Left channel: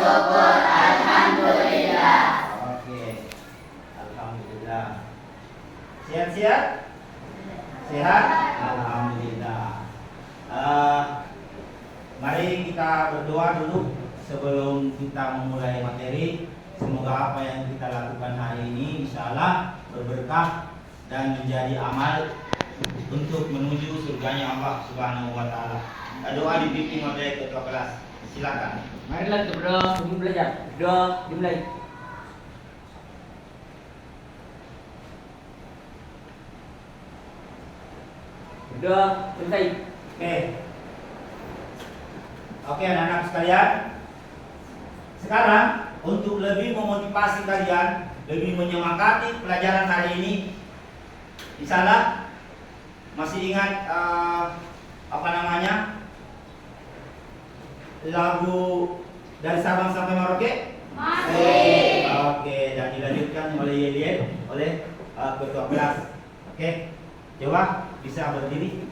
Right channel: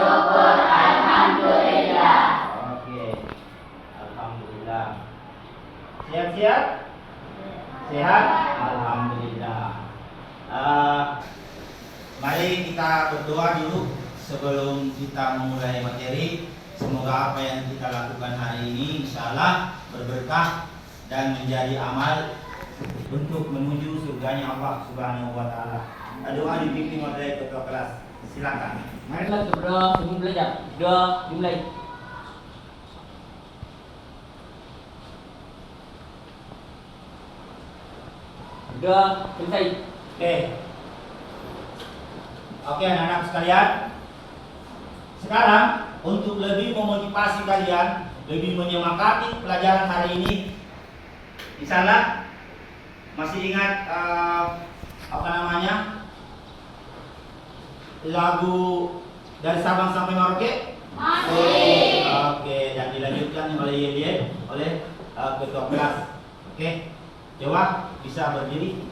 syukur, alhamdulillah. Oke, alhamdulillah. Siap-siap? Sehat? Alhamdulillah. Mari kita berdoa dulu sebelum kita memulai materi. Semoga apa yang kita lakukan hari ini insya Allah berberkah dan menjadi amal untuk menuju surganya Allah Subhanahu wa Ta'ala. Doa dipimpin oleh ketua kelas. Silakan. Marilah kita berdoa sebelum belajar. Doa dimulai. Berdoa selesai. Oke anak-anak sekalian. Sekarang untuk lebih memotivasi kalian, lebih menyemangati pelajaran hari ini, insya Allah masih ingat lagu dari Sabang sampai Merauke? Masih. Oke, dan dilanjutkan oleh Yelien, oleh ketua kelas. Oke, coba bisa berdiri.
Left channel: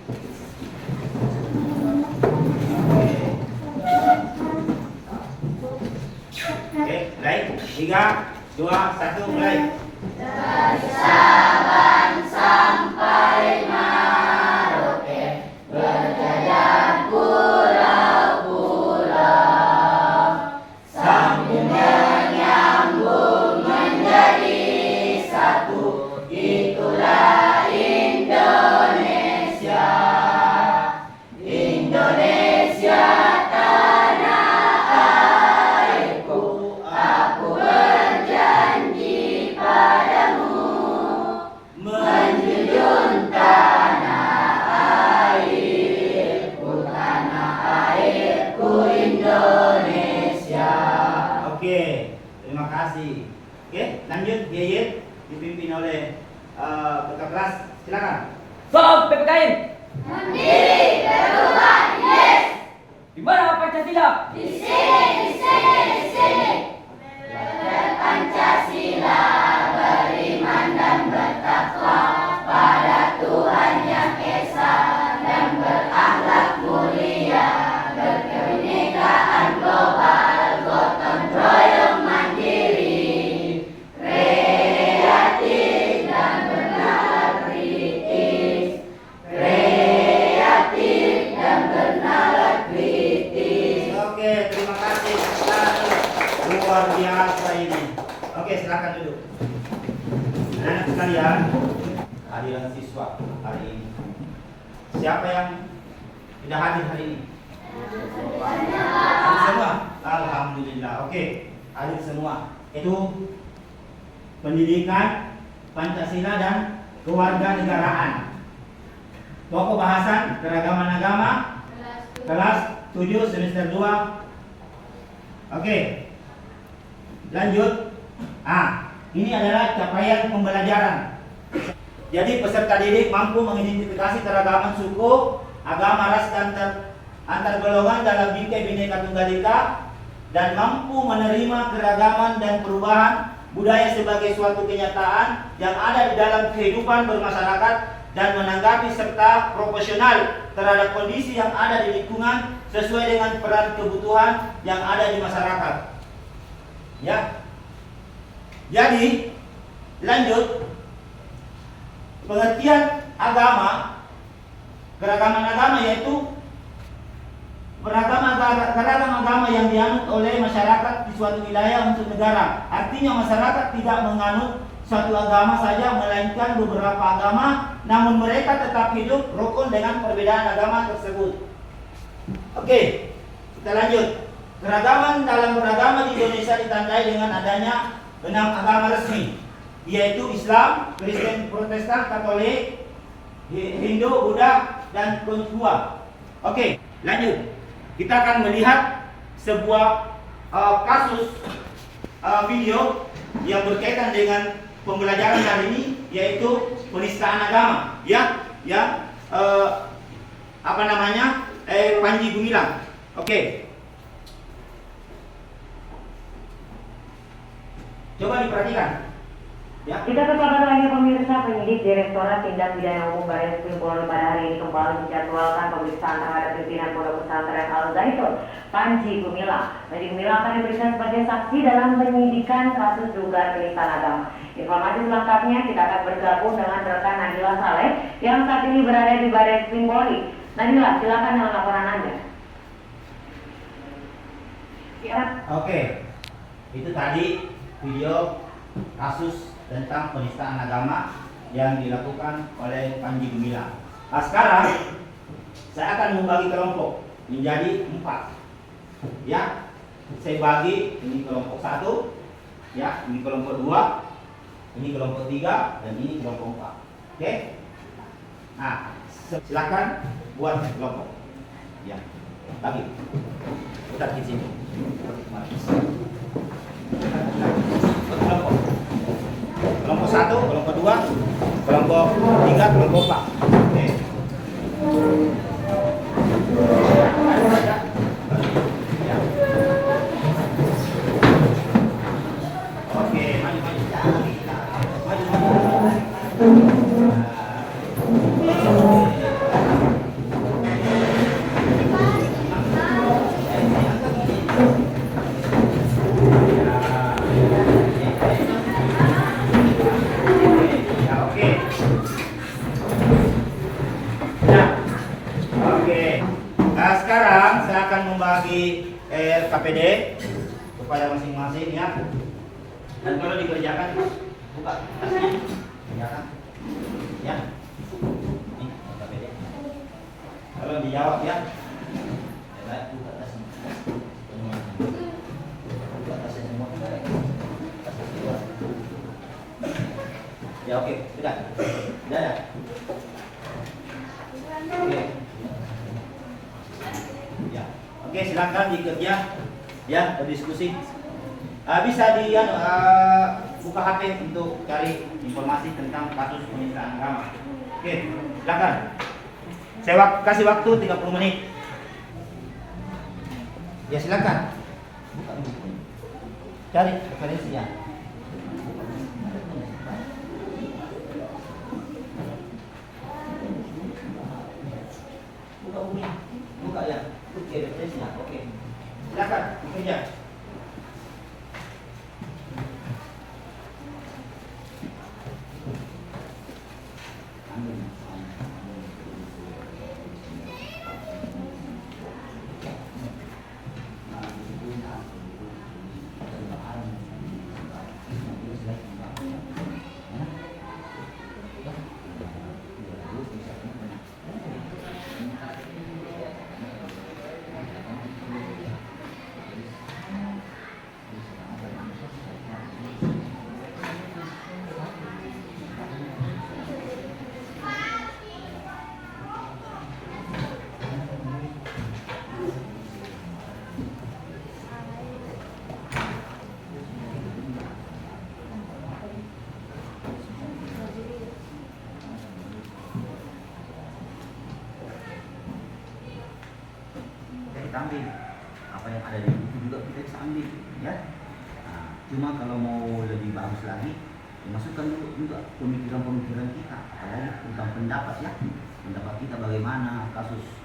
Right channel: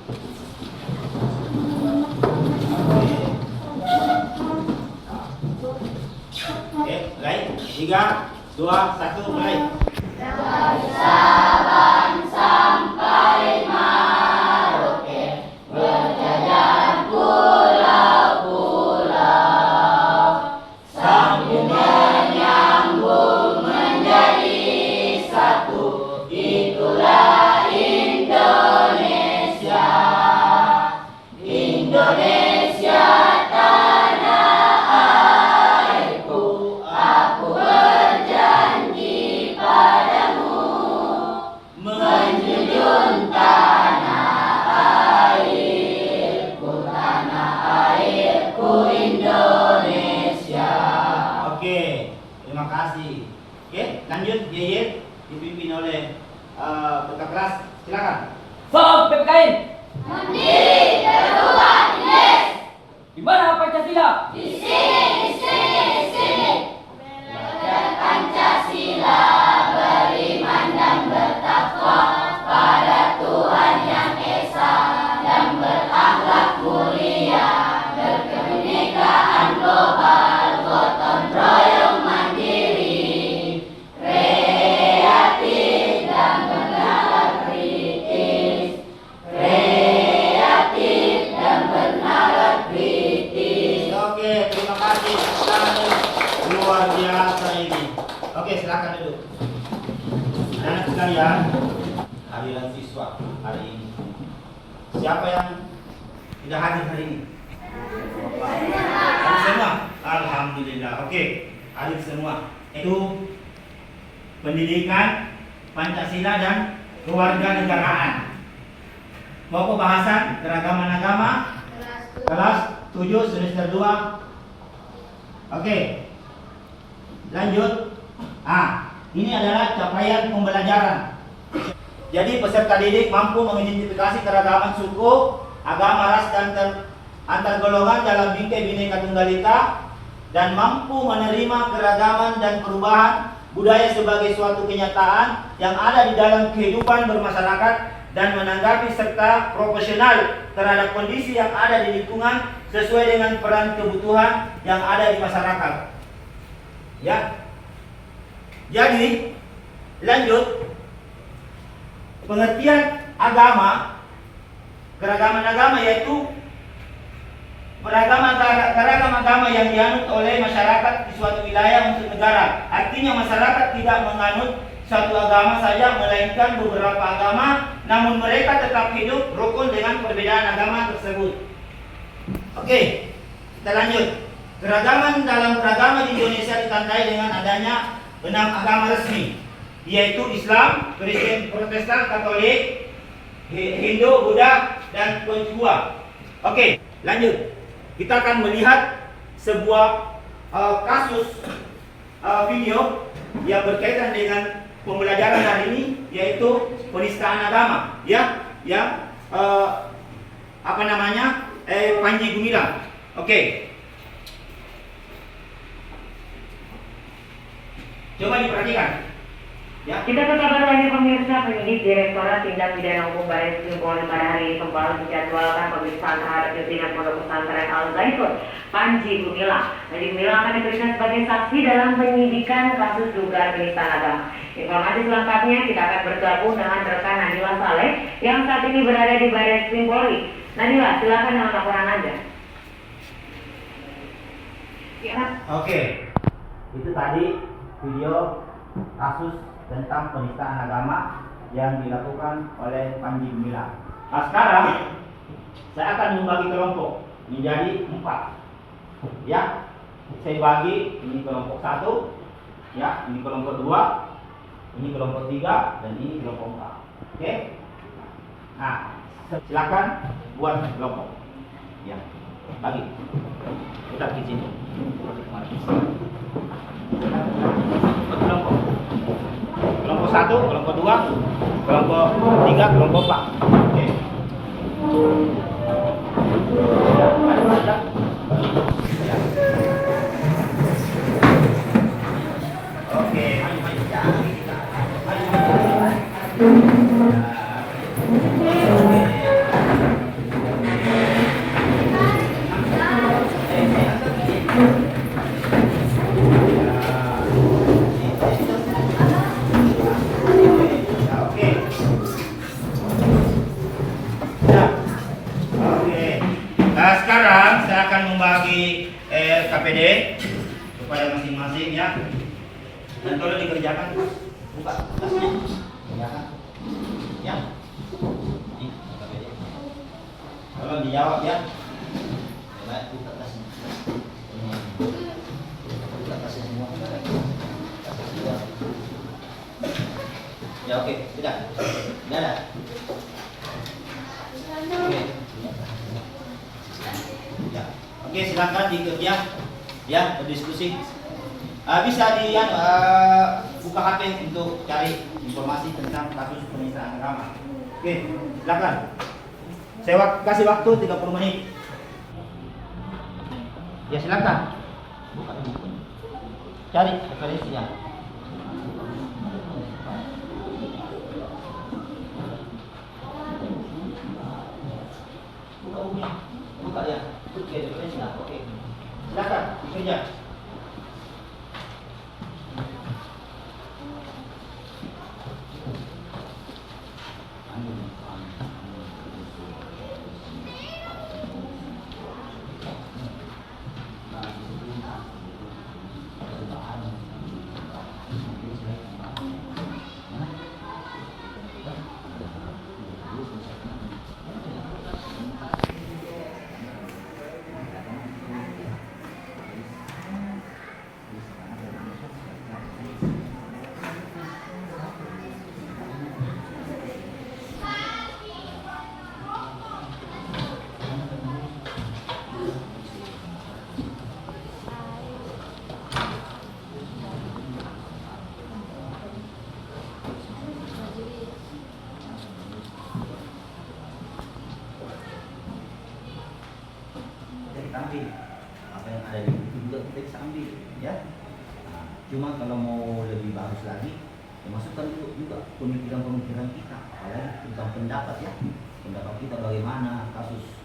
Oke, mulai. 3, 2, 1, mulai. Dari Sabang sampai Merauke, berjajar pulau-pulau, sambung menyambung menjadi satu, itulah Indonesia. Indonesia tanah airku, aku berjanji padamu, menjunjung tanah airku Indonesia. Oke, terima kasih. Oke, lanjut Yeyet dipimpin oleh ketua kelas. Silakan. Sob PPKN. Mandiri, darurat, yes. Di mana Pancasila? Di sini. Belajar Pancasila, beriman dan bertakwa pada Tuhan yang Esa, dan berakhlak mulia, berkebinekaan global, gotong royong mandiri, kreatif dan bernalar kritis, Oke, terima kasih. Luar biasa ini. Oke, silakan duduk. Anak sekalian, hadirin siswa hari ini. Siapa yang tidak hadir hari ini? Hadir semua? Alhamdulillah. Oke, hadir semua. Itu pendidikan Pancasila dan kewarganegaraan. Pokok bahasan keragaman agama kelas 7 semester 2. Oke. Lanjut. Ini adalah capaian pembelajaran. Jadi peserta didik mampu mengidentifikasi keragaman suku, agama, ras dan antar golongan dalam bingkai Bhinneka Tunggal Ika, dan mampu menerima keragaman dan perubahan budaya sebagai suatu kenyataan yang ada di dalam kehidupan bermasyarakat, dan menanggapi serta proporsional terhadap kondisi yang ada di lingkungan sesuai dengan peran kebutuhan yang ada di masyarakat. Ya. Jadi, lanjut. Pengertian agama, keragaman agama yaitu beragam agama yang dianut oleh masyarakat di suatu wilayah untuk negara. Artinya masyarakat tidak menganut satu agama saja, melainkan beberapa agama, namun mereka tetap hidup rukun dengan perbedaan agama tersebut. Oke, kita lanjut. Keragaman dalam beragama di Indonesia ditandai dengan adanya 6 agama resmi, yaitu Islam, Kristen, Protestan, Katolik, Hindu, Buddha, dan Konghucu. Oke, lanjut. Kita akan melihat sebuah kasus video yang berkaitan dengan pembelajaran hari ini, yaitu penistaan agama, ya, yang Panji Gumilang. Oke. Coba diperhatikan. Ya. Kita ke kabar lainnya pemirsa, penyidik Direktorat Tindak Pidana Umum Barreskrim Polri pada hari ini kembali dijadwalkan pemeriksaan terhadap pimpinan Pondok Pesantren Al Zaitun, Panji Gumilang. Panji Gumilang akan diperiksa sebagai saksi dalam penyidikan kasus dugaan penistaan agama. Informasi selengkapnya kita akan bergabung dengan rekan Nadila Saleh yang saat ini berada di Barreskrim Polri. Nadila, silakan dengan laporan Anda. Ya. Oke, itu tadi video kasus tentang penistaan agama yang dilakukan oleh Panji Gumilang. Nah sekarang saya akan membagi kelompok menjadi 4. Ya, saya bagi ini kelompok 1, ya, ini kelompok 2, ini kelompok 3, dan ini kelompok 4. Oke? Nah, silakan buat kelompok. Ya, bagi. Udah di sini. Kelompok 1, kelompok 2, kelompok 3, kelompok 4. Oke. Oke, sekarang saya akan membagi KPD kepada masing-masing ya. Dan kalau dikerjakan buka tasnya, kerjakan ya. Ini KPD. Kalau dijawab ya, buka tasnya. Buka tasnya semua. Ya oke, sudah. Sudah ada. Oke. Ya. Oke, silakan dikerja ya, berdiskusi. Bisa di buka HP untuk cari informasi tentang kasus penistaan agama. Oke, silakan. Saya kasih waktu 30 menit. Ya, silakan. Cari referensinya. Buka ya. Oke, referensinya. Oke. Silakan bekerja. Ambil apa yang ada di buku juga kita bisa ambil ya. Nah, cuma kalau mau lebih bagus lagi ya masukkan juga pemikiran kita, apalagi tentang pendapat ya, pendapat kita bagaimana kasus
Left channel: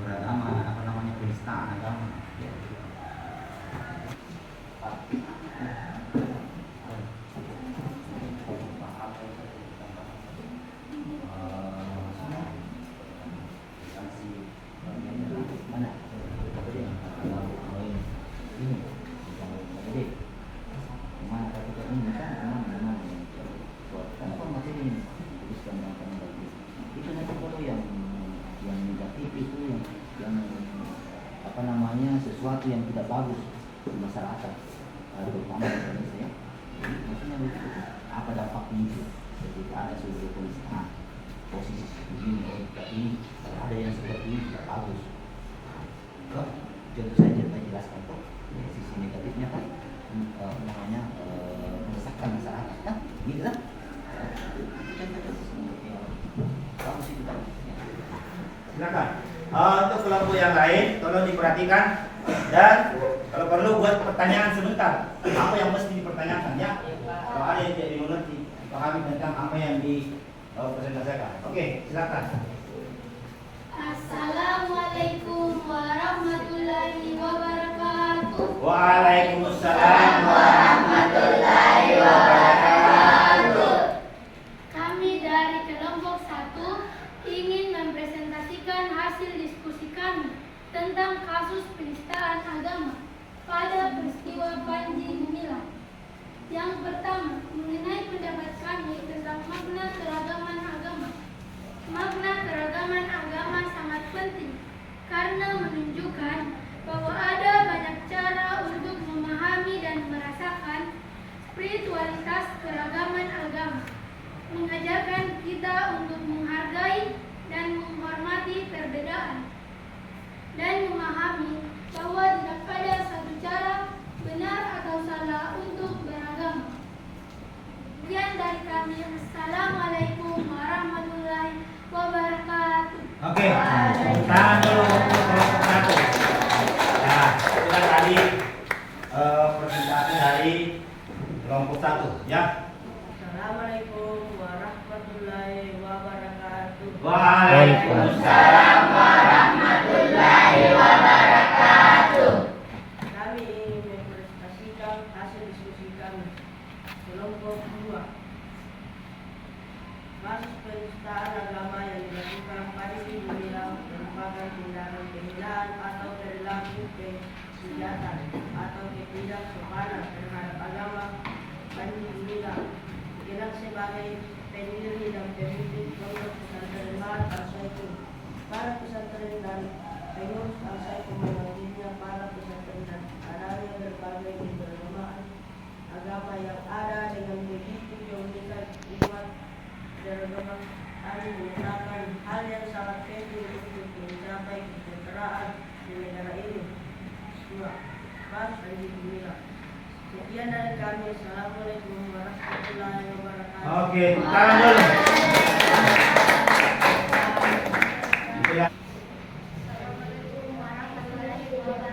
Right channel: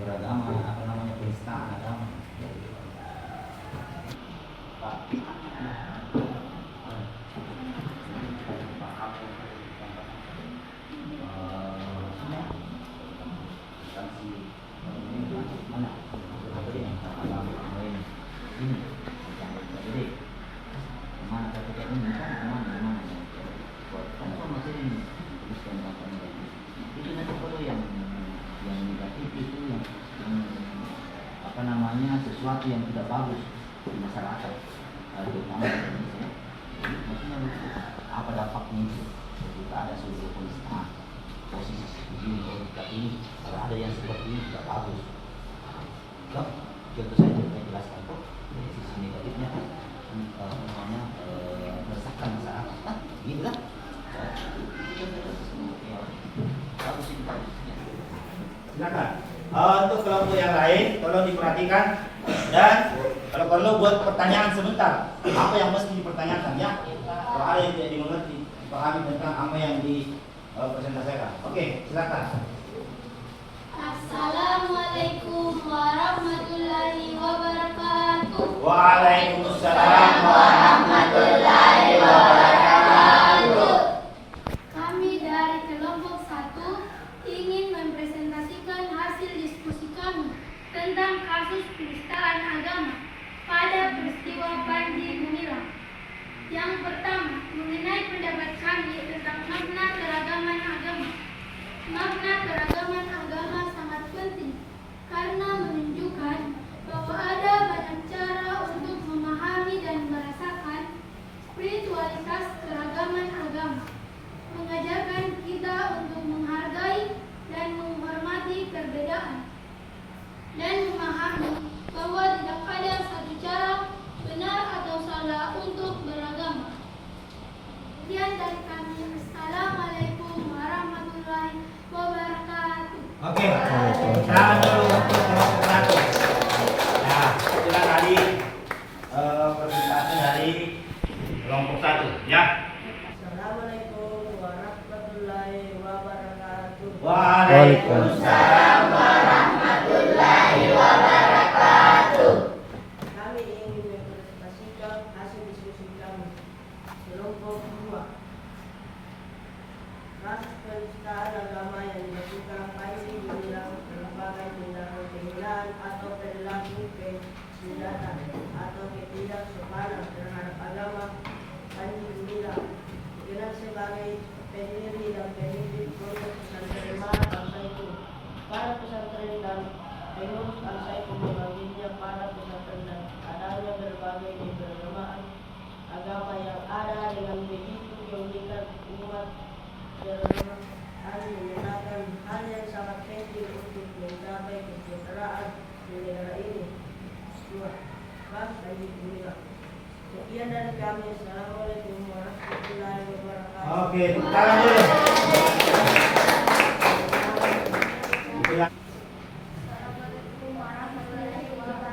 beragama apa namanya penistaan agama. Sesuatu yang tidak bagus di masyarakat, terutama di Indonesia. Maksudnya apa dampaknya itu ketika ada sebuah penistaan posisi begini, tapi kalau ada yang seperti ini tidak bagus. Contoh saja saya jelaskan kok sisi negatifnya kan meresahkan masyarakat kan, gitu kan? Bagus itu bagusnya. Silakan. Untuk kelompok yang lain tolong diperhatikan dan kalau perlu buat pertanyaan sebentar. Apa yang mesti dipertanyakan ya? Kalau ada yang tidak dimengerti, pahami tentang apa yang dipresentasikan. Oke, silakan. Assalamualaikum warahmatullahi wabarakatuh. Waalaikumsalam warahmatullahi wabarakatuh. Kami dari kelompok 1 ingin mempresentasikan hasil diskusi kami tentang kasus penistaan agama pada peristiwa Panji Gumilang. Yang pertama, mengenai pendapat kami tentang makna keragaman agama. Makna keragaman agama sangat penting karena menunjukkan bahwa ada banyak cara untuk memahami dan merasakan spiritualitas keragaman agama. Mengajarkan kita untuk menghargai dan menghormati perbedaan dan memahami bahwa tidak ada satu cara benar atau salah untuk beragama. Sekian dari kami. Assalamualaikum warahmatullahi wabarakatuh. Oke, tahan dulu untuk kelompok 1. Nah, itulah tadi presentasi dari kelompok 1, ya. Assalamualaikum warahmatullahi wabarakatuh. Waalaikumsalam warahmatullahi wabarakatuh. Kami ingin mempresentasikan hasil diskusi kami. Kelompok 2. Kasus penistaan agama yang dilakukan Panji Gumilang merupakan tindakan penghinaan atau perilaku kesilatan atau ketidaksopanan terhadap agama. Panji Gumilang dikenal sebagai pendiri dan pemimpin pondok pesantren Al-Zaitun. Para pesantren dan pengurus Al-Zaitun memanggilnya para pesantren dan adanya berbagai keberagaman agama yang ada dengan begitu keunikan umat beragama. Kami menyatakan hal yang sangat penting untuk mencapai kesejahteraan di negara ini. 2. Panji Gumilang. Sekian dari kami. Assalamualaikum warahmatullahi wabarakatuh. Oke, tahan dulu. Itulah. Assalamualaikum warahmatullahi wabarakatuh.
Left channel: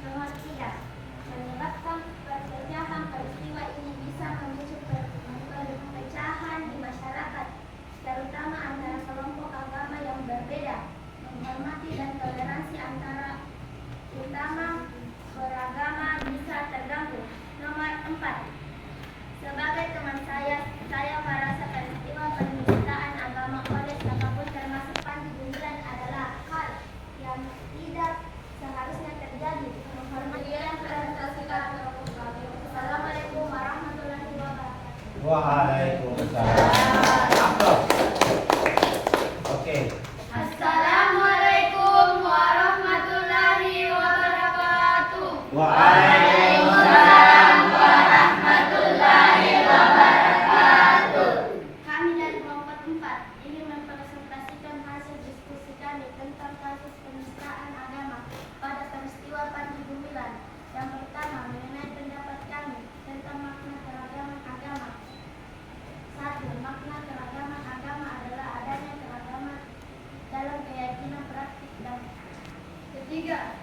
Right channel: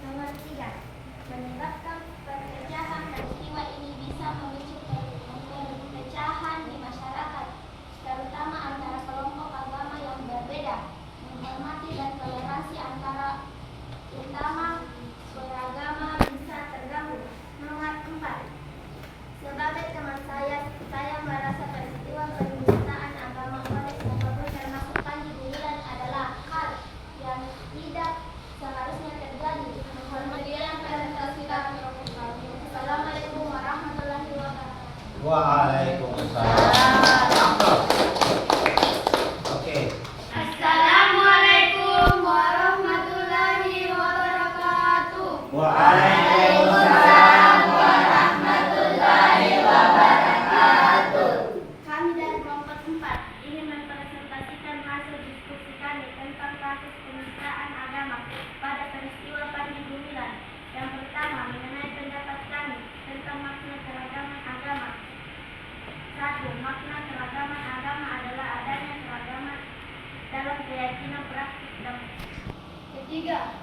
Nomor 3. Menyebabkan perpecahan peristiwa ini bisa memicu perpecahan di masyarakat, terutama antara kelompok agama yang berbeda. Menghormati dan toleransi antara utama beragama bisa terganggu. Nomor 4. Sebagai teman saya merasa peristiwa penistaan agama oleh siapapun termasuk Panji Gumilang adalah hal yang tidak seharusnya terjadi. Menghormati dan toleransi. Assalamualaikum warahmatullahi wabarakatuh. Waalaikumsalam. Oke. Assalamualaikum warahmatullahi wabarakatuh. Waalaikumsalam warahmatullahi wabarakatuh. Kami dari kelompok 4 ingin mempresentasikan hasil diskusi kami tentang kasus penistaan agama pada peristiwa Panji Gumilang. Yang pertama, mengenai pendapat kami tentang makna keragaman agama. 1. Makna keragaman agama adalah adanya keragaman dalam keyakinan, praktik, dan ketiga,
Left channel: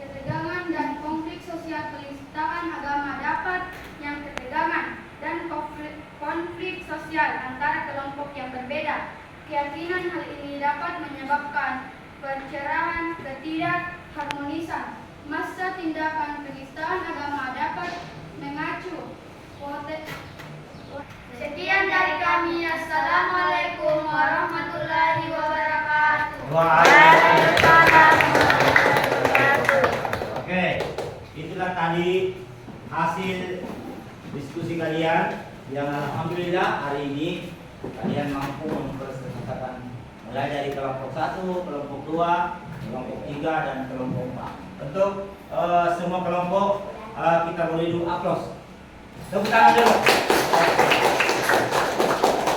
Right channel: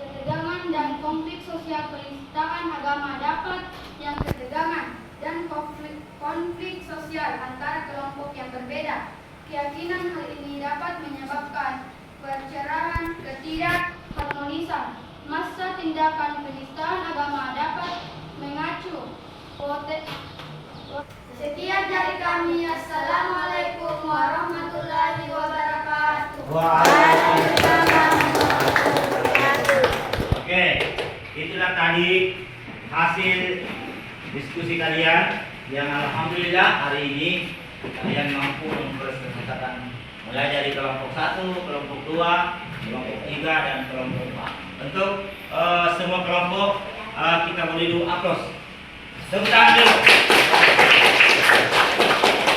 ketegangan dan konflik sosial. Penistaan agama dapat yang ketegangan dan konflik sosial antara kelompok yang berbeda. Keyakinan hal ini dapat menyebabkan perceraian, ketidakharmonisan. Masa tindakan penistaan agama dapat mengacu Sekian dari kami. Assalamualaikum warahmatullahi wabarakatuh. Waalaikumsalam. Oke, itulah tadi hasil diskusi kalian yang alhamdulillah hari ini kalian mampu mempresentasikan mulai dari kelompok 1, kelompok 2, kelompok 3 dan kelompok 4. Untuk semua kelompok kita boleh dulu aplaus. Tepuk tangan dulu.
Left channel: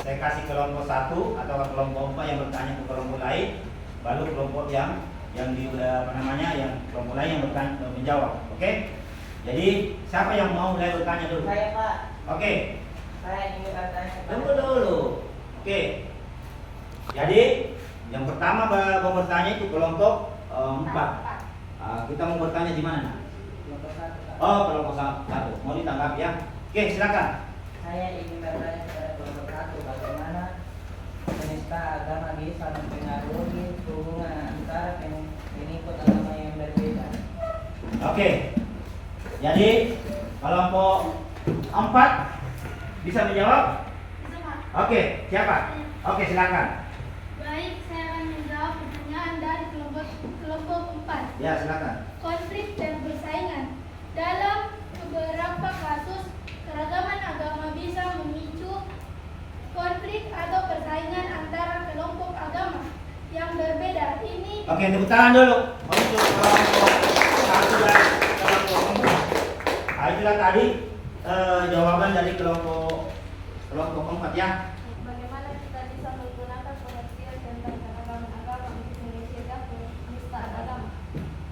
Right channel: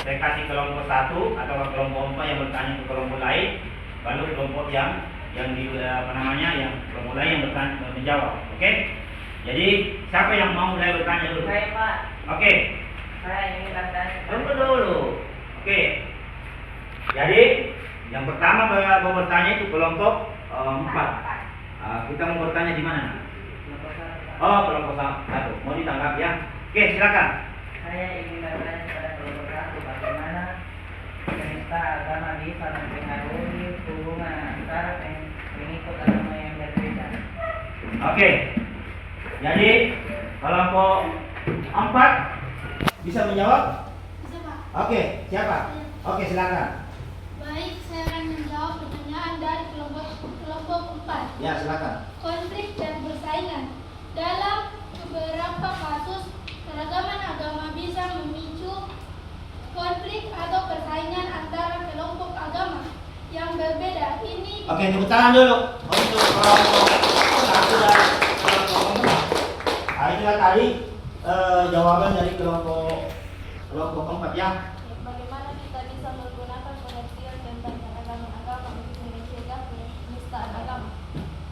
Saya kasih kelompok 1 atau kelompok 4 yang bertanya ke kelompok lain, baru kelompok yang yang kelompok lain yang menjawab. Oke? Jadi siapa yang mau mulai bertanya dulu? Saya, Pak. Oke. Saya ingin bertanya. Tunggu dulu. Oke. Jadi yang pertama mau bertanya itu kelompok 4. Kita mau bertanya di mana? Kelompok satu, Pak. Oh, kelompok satu. Mau ditangkap ya? Oke, silakan. Saya ingin bertanya kepada kelompok satu, bagaimana penista agama bisa mempengaruhi hubungan antara pengikut agama yang berbeda? Oke. Jadi kelompok 4 bisa menjawab? Bisa, Pak. Oke, siapa? Oke, silakan. Baik, saya akan menjawab pertanyaan dari kelompok 4. Ya, silakan. Konflik dan persaingan. Dalam beberapa kasus, keragaman agama bisa memicu konflik atau persaingan antara kelompok agama yang berbeda. Ini Oke, tepuk tangan dulu untuk kelompok 1 dan kelompok 4. Itulah tadi jawaban dari kelompok 4 ya. bagaimana kita bisa menggunakan pengertian tentang keragaman agama untuk mencegah penistaan agama.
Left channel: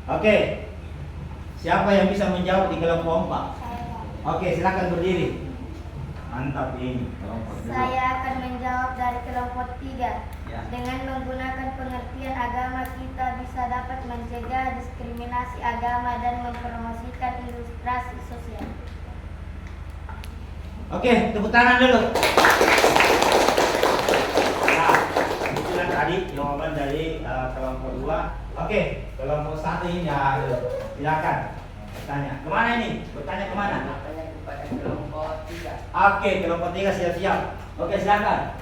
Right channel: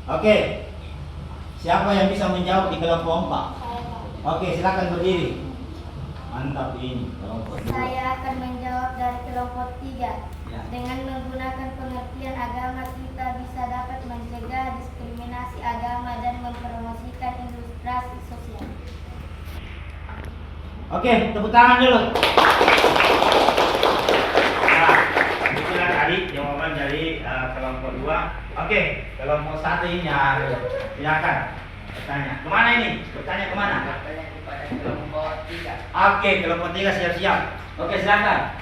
Oke. Siapa yang bisa menjawab di kelompok 4? Saya, Pak. Oke, silakan berdiri. Mantap ini kelompok 2. Saya akan menjawab dari kelompok 3. Ya. Dengan menggunakan pengertian agama, kita bisa dapat mencegah diskriminasi agama dan mempromosikan ilustrasi sosial. Oke, tepuk tangan dulu. Nah, itulah tadi jawaban dari kelompok 2. Oke, kelompok 1 ini ya, silakan bertanya. Kemana ini? Bertanya kemana? Bertanya kepada kelompok 3. Oke, kelompok 3 siap-siap. Oke, silakan.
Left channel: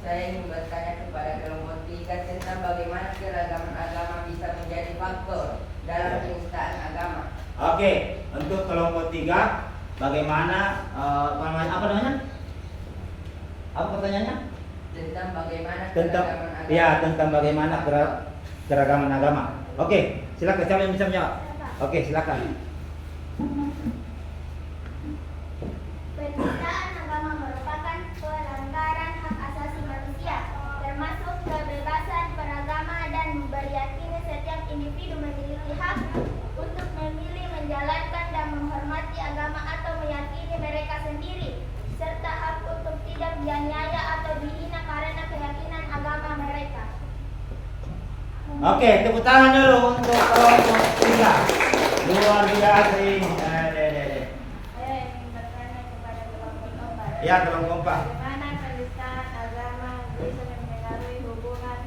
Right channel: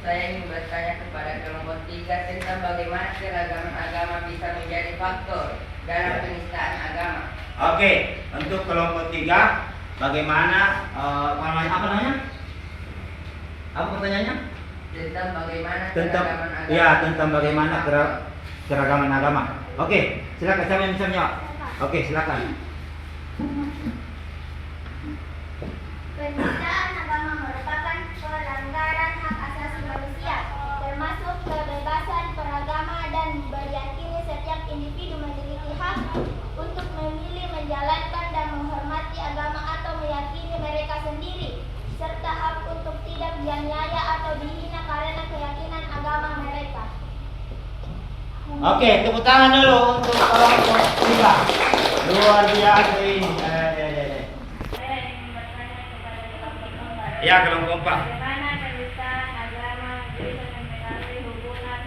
Saya ingin bertanya kepada kelompok 3 tentang bagaimana keragaman agama bisa menjadi faktor dalam penistaan agama. Oke, untuk kelompok 3, bagaimana apa namanya? Apa pertanyaannya? Tentang bagaimana Tentang keragaman agama. ya, tentang bagaimana keragaman agama. Oke, silakan siapa yang bisa menjawab? Oke, silakan. Penistaan agama merupakan pelanggaran hak asasi manusia, termasuk kebebasan beragama dan beryakin setiap individu memiliki hak untuk memilih, menjalankan dan menghormati agama atau meyakini mereka sendiri, serta hak untuk tidak dianiaya atau dihina karena keyakinan agama mereka. Oke, tepuk tangan dulu untuk kelompok 3. Luar biasa ini. Saya ingin bertanya kepada kelompok 4. Ya, kelompok 4. Bagaimana penistaan agama bisa mempengaruhi hubungan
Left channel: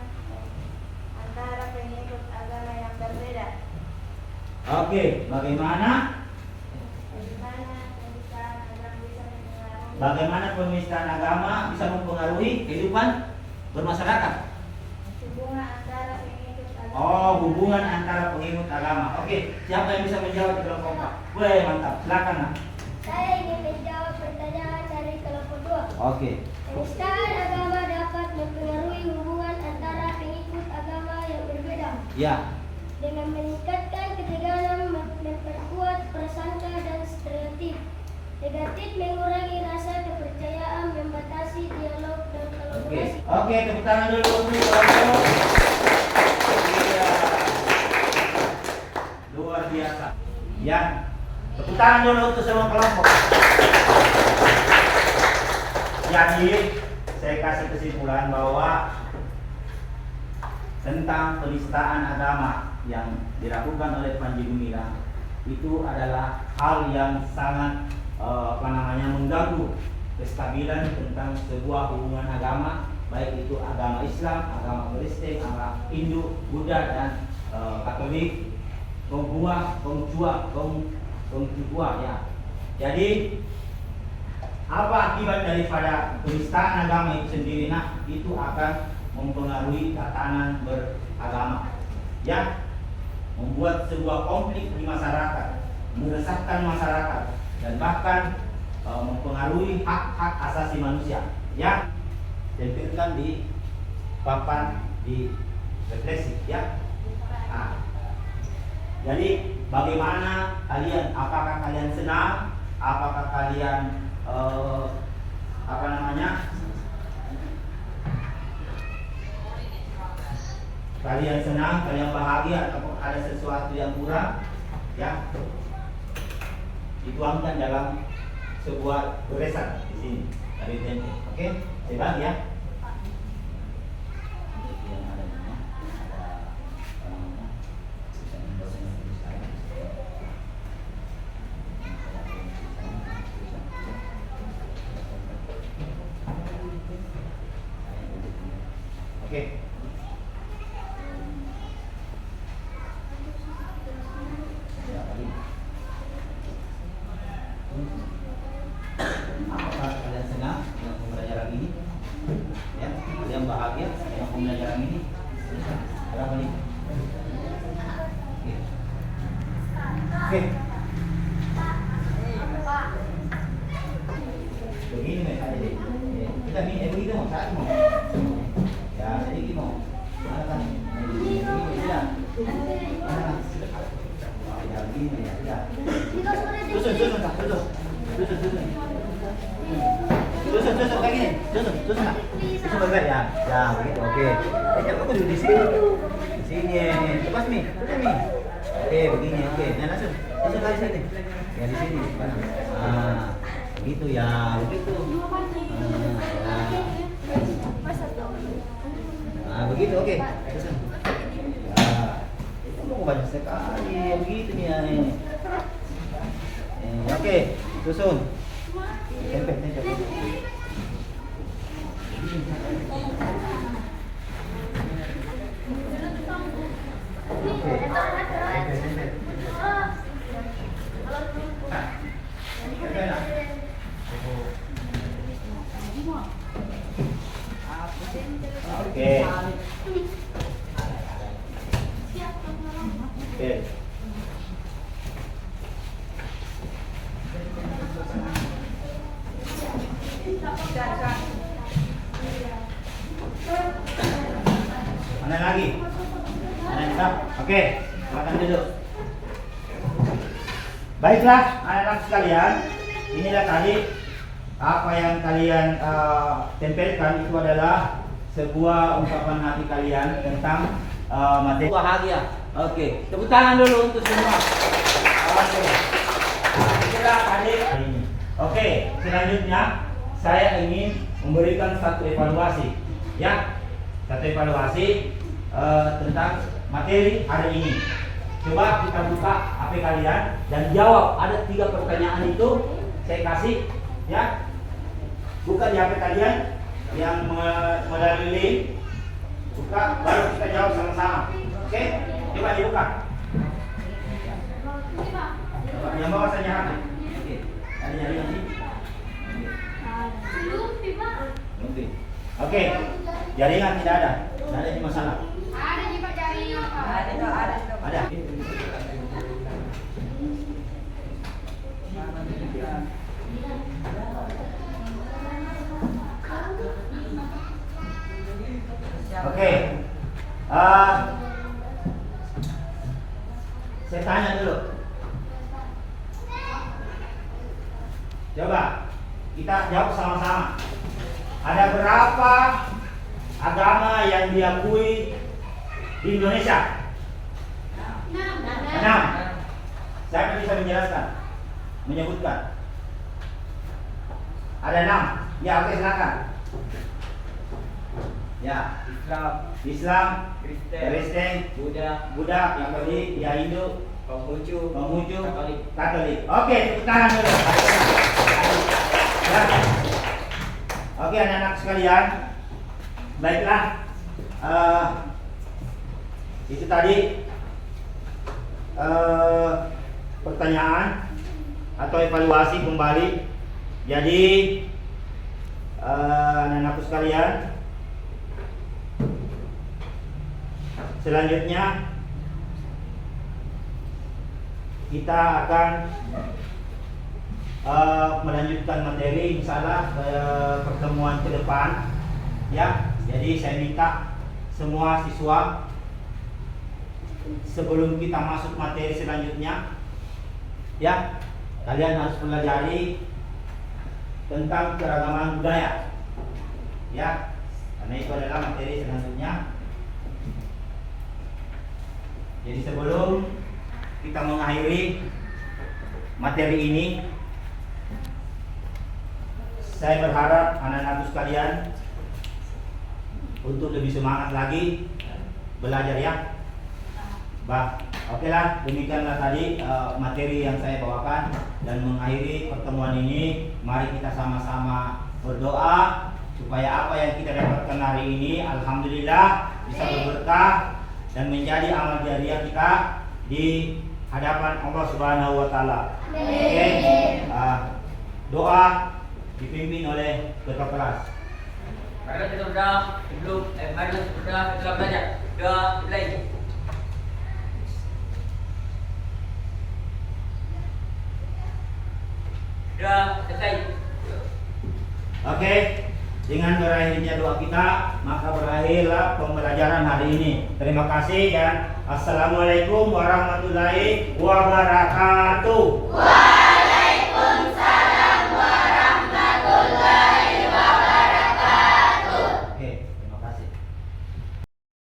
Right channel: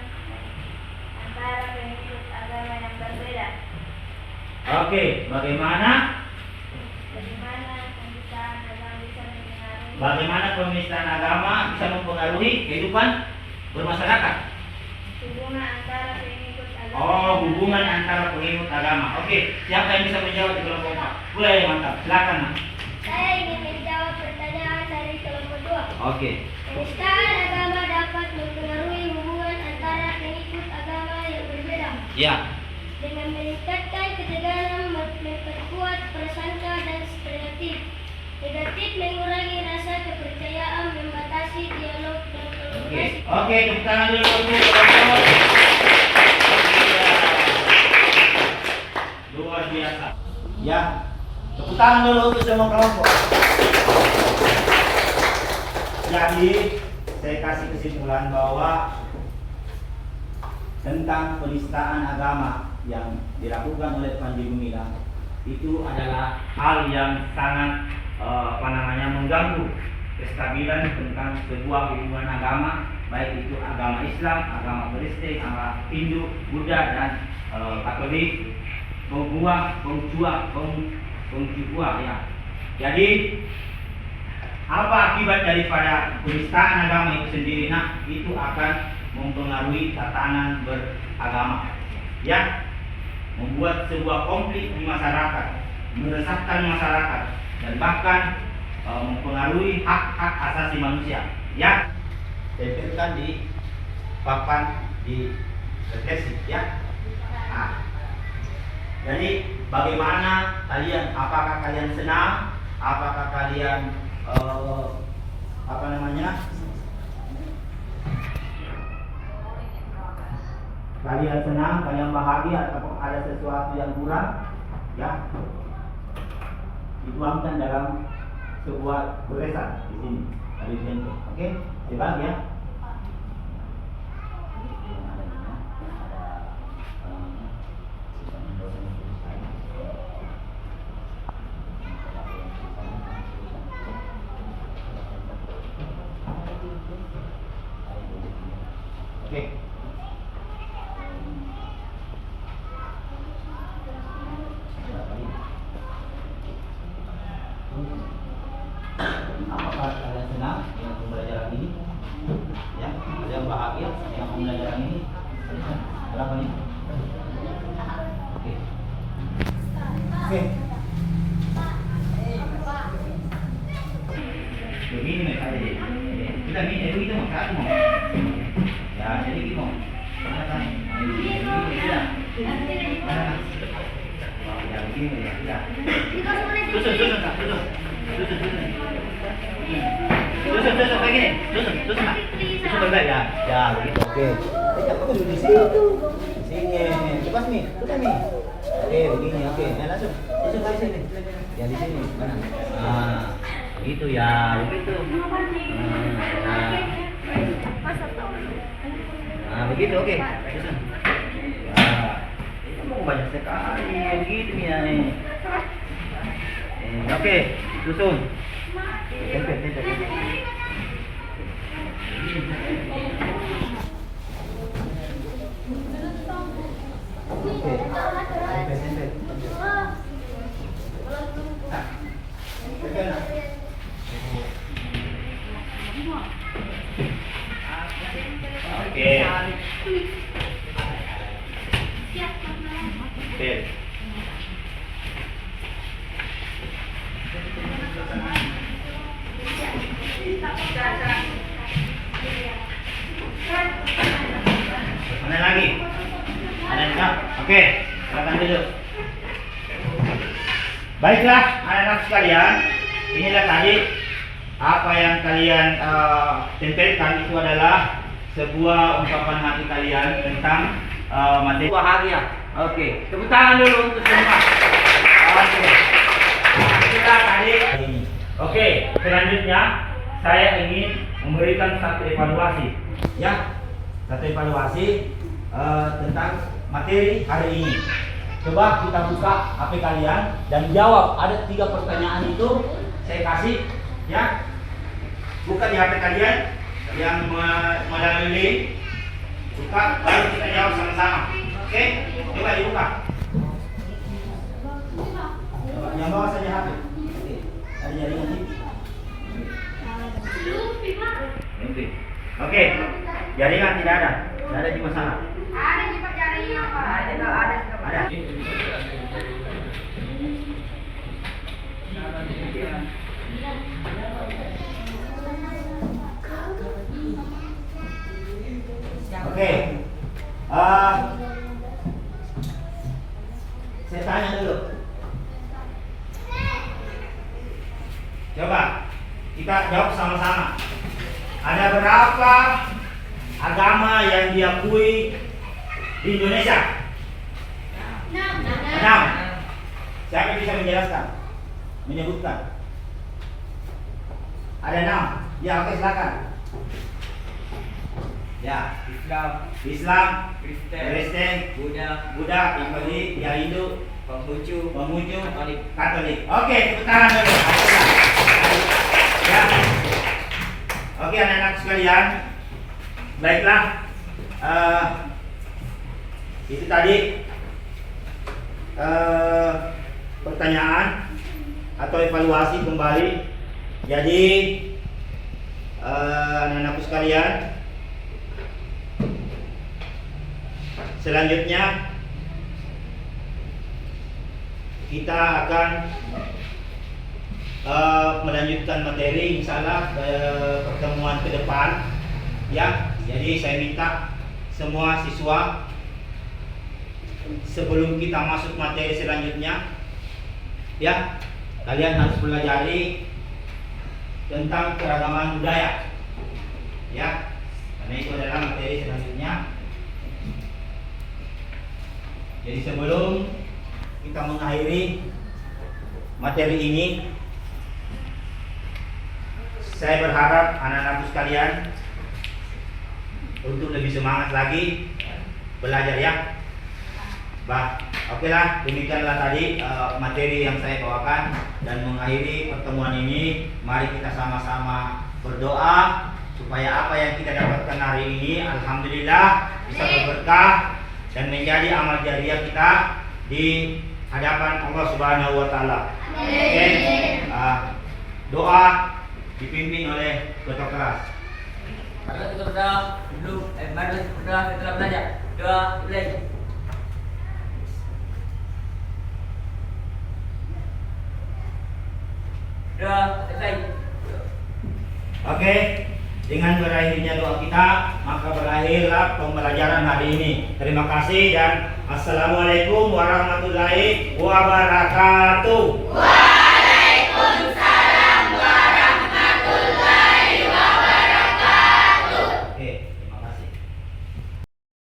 antara pengikut agama yang berbeda? Oke, bagaimana penistaan agama bisa mempengaruhi kehidupan bermasyarakat? Hubungan antara pengikut agama. Oh, hubungan antara pengikut agama. Oke, siapa yang bisa menjawab di kelompok 4? Boleh, mantap. Silakan, Nak. Saya ingin menjawab pertanyaan dari kelompok 2. Oke. Penistaan agama dapat mempengaruhi hubungan antara pengikut agama yang berbeda Ya. dengan meningkatkan ketegangan, memperkuat prasangka dan stereotip negatif, mengurangi rasa kepercayaan, membatasi dialog dan Oke. kolaborasi. Oke, tepuk tangan dulu untuk kelompok. Iya. Luar biasa. Ya. Tepuk tangan dulu untuk semua kelompok. Jadi, saya kasih kesimpulan bahwa tentang penistaan agama yang dilakukan oleh Panji Gumilang itu adalah hal yang sangat mengganggu kestabilan tentang sebuah hubungan agama, baik itu agama Islam, agama Kristen, agama Hindu, Buddha dan Katolik, Konghucu ya. Jadi apa akibat daripada penistaan agama itu sendiri? Nah, itu akan mempengaruhi tatanan beragama, ya, membuat sebuah konflik di masyarakat, meresahkan masyarakat, dan bahkan mempengaruhi hak-hak asasi manusia, ya. Diberikan di papan di refleksi, ya. Nah, jadi bagaimana kalian? Apakah kalian senang? Apakah kalian kalian senang, kalian bahagia, atau ada sesuatu yang kurang, ya, dituangkan dalam sebuah tulisan di sini dari tempe. Oke, hebat ya. Oke. Apakah kalian senang dengan pembelajaran ini? Ya, kalian bahagia dengan pembelajaran ini? Berapa nih? Oke. Oke. Begini nih tadi. Kita ini itu mau cari mau. Ya, jadi gitu. Mana kan? Ini sudah. Mana? Ya, begini ya. Ya. Susun kayak gini. Susun Pak. Susun berbeda ya. Ya, begitu. Oke. Kamu duduk di sini tuh. Di sini. Lepas nih. Sudah nih. Oke, begini. Oke. Nah, langsung. Susun lagi sini. Ya, di sini. Mana? Ah, begitu ya. Begitu. Nah, begitu. Oke. Susun. Ya. Kamu banyak sekali ya begitu ya nih. Oke, susun. Tempel. Oke. Tempel. Oke. Oke. Mana lagi? Ada enggak? Oke, silakan dulu. Baiklah, anak-anak sekalian, inilah tadi apa yang kalian tempelkan itu adalah sebuah ungkapan hati kalian tentang materi bahagia. Oke, tepuk tangan dulu untuk semua. Oke. Inilah tadi ini. Oke, selanjutnya saya ingin memberikan satu evaluasi, ya, satu evaluasi tentang materi hari ini. Coba kita buka HP kalian dan jawab. Ada 3 pertanyaan itu saya kasih, ya. Buka di HP kalian yang melalui link. Buka, baru kita jawab sama-sama. Oke, coba dibuka. Coba yang bawah saja HP. Oke, ada jaringan ini. Oke, jaringan tidak ada. Tidak ada di masalah. Ada juga jaringan, Pak. Ada. Oke. Saya tanya dulu. Coba kita jawab sama-sama. Ada berapa agama yang diakui di Indonesia? 6. Siapa yang bisa menjelaskan? Menyebutkan? Ada 6. Ya, oke, silakan. Ya, Islam, Kristen, Buddha, yang tadi, ya Hindu, Konghucu, Katolik. Oke, tepuk tangan dulu. Ya. Oke, anak-anak sekalian, baiklah. Itu tadi pertanyaan atau evaluasi kembali. Jadi anak-anakku sekalian, selanjutnya kita akan melanjutkan materi insyaallah pertemuan ke depan, ya. Jadi saya minta semua siswa sebelum kita masuk materi selanjutnya, ya, kalian harus pelajari tentang keragaman budaya, ya, karena itu adalah materi selanjutnya. Jadi sebelum kita mengakhiri materi ini, saya berharap anak-anak sekalian untuk lebih semangat lagi belajar, ya. Oke lah, demikianlah tadi materi yang saya bawakan, dan mengakhiri pertemuan ini, mari kita sama-sama berdoa supaya apa yang kita dapatkan hari ini alhamdulillah bisa berberkah dan menjadi amal jariah kita di hadapan Allah Subhanahu wa taala. Oke. Doa dipimpin oleh ketua kelas. Marilah kita berdoa dulu. Marilah kita berdoa setelah belajar. Doa dimulai. Doa selesai. Oke, dengan berakhirnya doa kita, maka berakhirlah pembelajaran hari ini. Terima kasih dan assalamualaikum warahmatullahi wabarakatuh.